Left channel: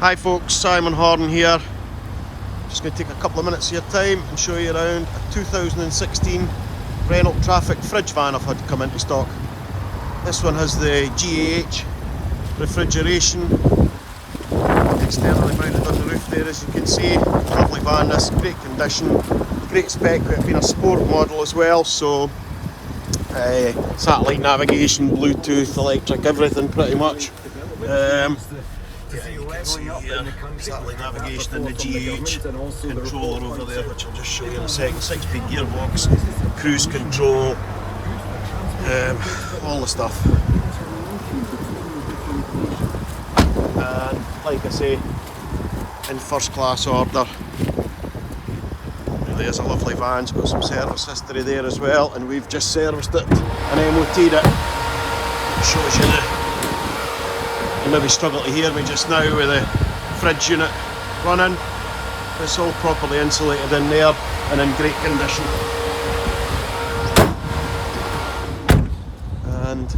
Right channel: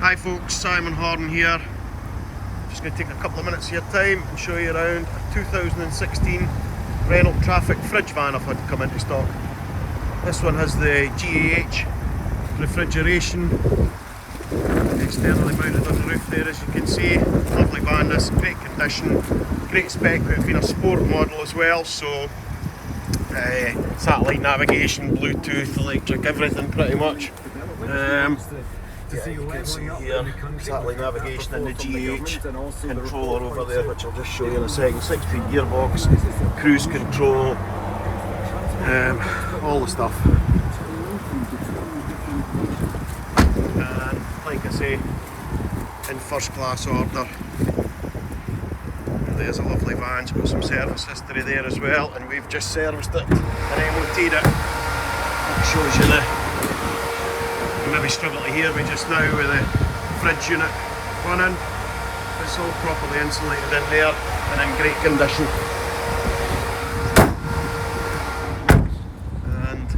Hi folks, Simon Horn here. Just going to take a couple of minutes of your time and show you around a 2016 Renault Trafic fridge van I've had to come into stock. This one has the GAH refrigeration externally mounted on the roof there, as you can see. Lovely van, this, great condition, great spec, with it being a sport model as well, so satellite navigation, Bluetooth, electric, everything pretty much. Yeah, you can see here, satellite navigation and the GH controller over there, which I'll just show you in a second. 6-speed gearbox, cruise control, all the stuff. And like I say, in first class order. Really is a lovely van. It's got some service history there as well, and we've just serviced it and MOT'd it. It shows you you maybe struggle to hear me just now with the fridge unit running. It's all properly insulated in there and in great condition. And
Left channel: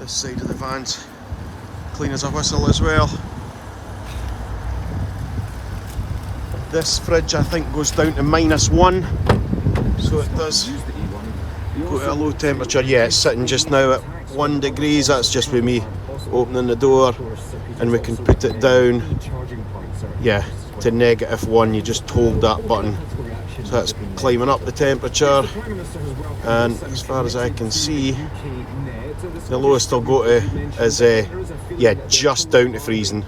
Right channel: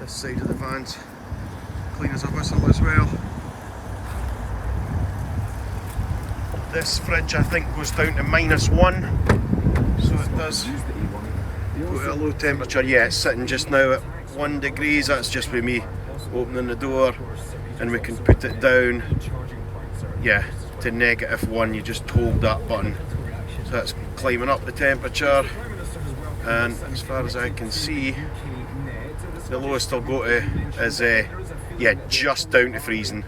this side of the van's clean as a whistle as well. This fridge I think goes down to -1, so it does go to a low temperature. Yeah, it's sitting just now at 1 degrees. That's just with me opening the door, and we can put it down, yeah, to -1. You just hold that button, so that's climbing up the temperature, and as far as I can see, the lowest I'll go to is yeah, just down to freezing.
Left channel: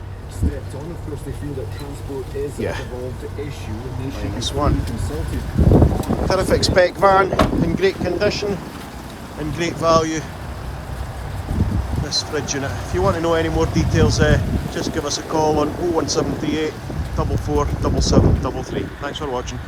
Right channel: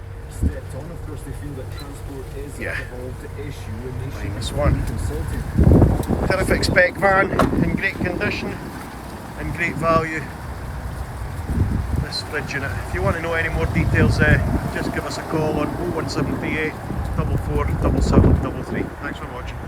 Yeah, like this one. Terrific spec van, in great condition and great value. This fridge unit. If you want to know any more details, just give us a call on 01738 44 7733. Thanks for watching.